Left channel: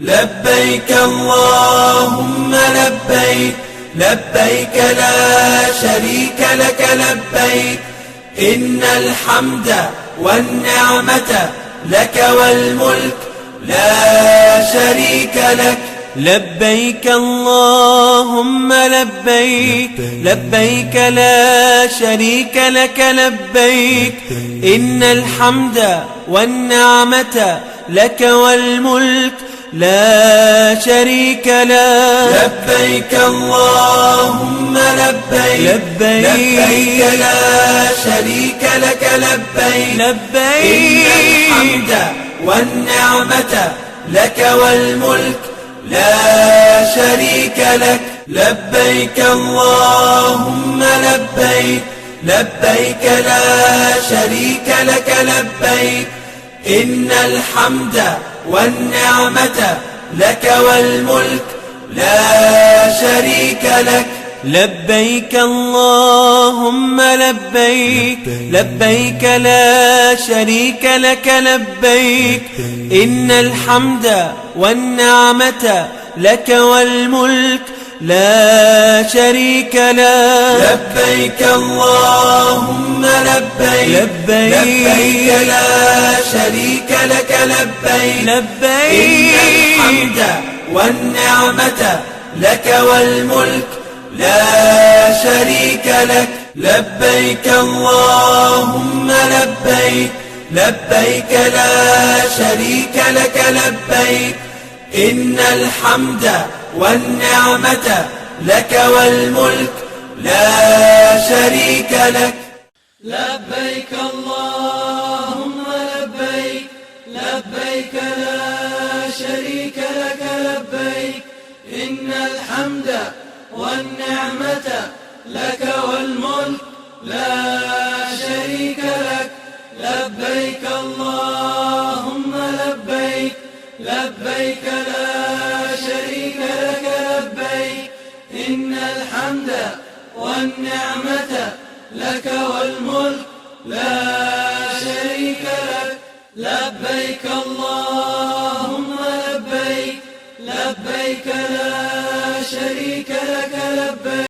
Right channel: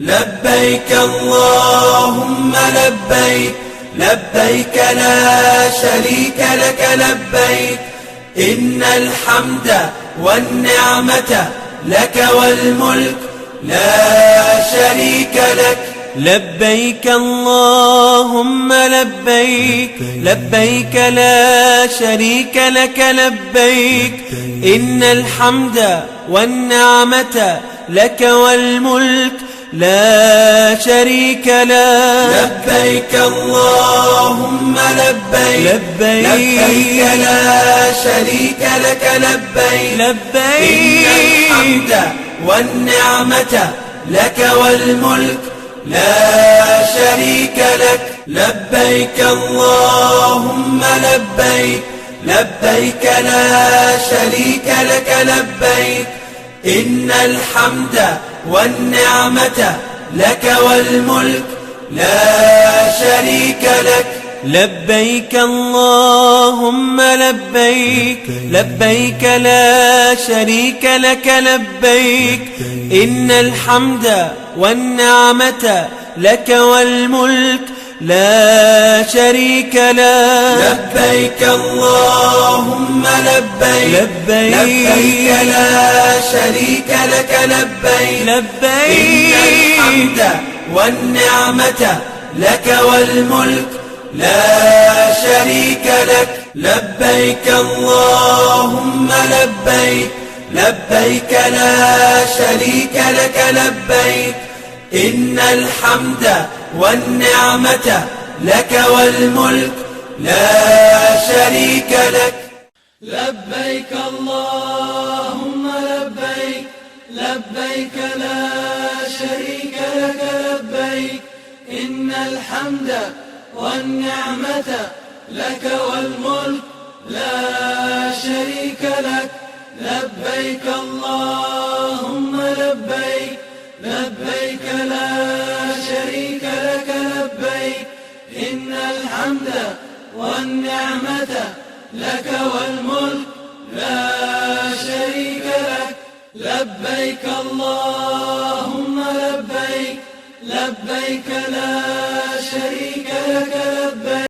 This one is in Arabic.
لبيك اللهم لبيك، لبيك لا شريك لك لبيك، إن الحمد والنعمة لك والملك لا شريك لك. لبيك اللهم لبيك، لبيك لا شريك لك لبيك، إن الحمد والنعمة لك والملك لا شريك لك. لبيك اللهم لبيك، لبيك لا شريك لك لبيك، لبيك إن الحمد والنعمة لك والملك لا شريك لك. لبيك اللهم لبيك، لبيك لا شريك لك لبيك، إن الحمد والنعمة لك والملك لا شريك لك. لبيك اللهم لبيك، لبيك لا شريك لك لبيك، إن الحمد والنعمة لك والملك لا شريك لك. لبيك اللهم لبيك، لبيك لا شريك لك لبيك، لبيك إن الحمد والنعمة لك والملك لا شريك لك. لبيك اللهم لبيك، لبيك لا شريك لك لبيك، إن الحمد والنعمة لك والملك لا شريك لك. لبيك اللهم لبيك، لبيك لا شريك لك لبيك، إن الحمد والنعمة لك والملك لا شريك لك. لبيك اللهم لبيك، لبيك لا شريك لك لبيك، إن الحمد والنعمة لك والملك لا شريك لك. لبيك اللهم لبيك، لبيك لا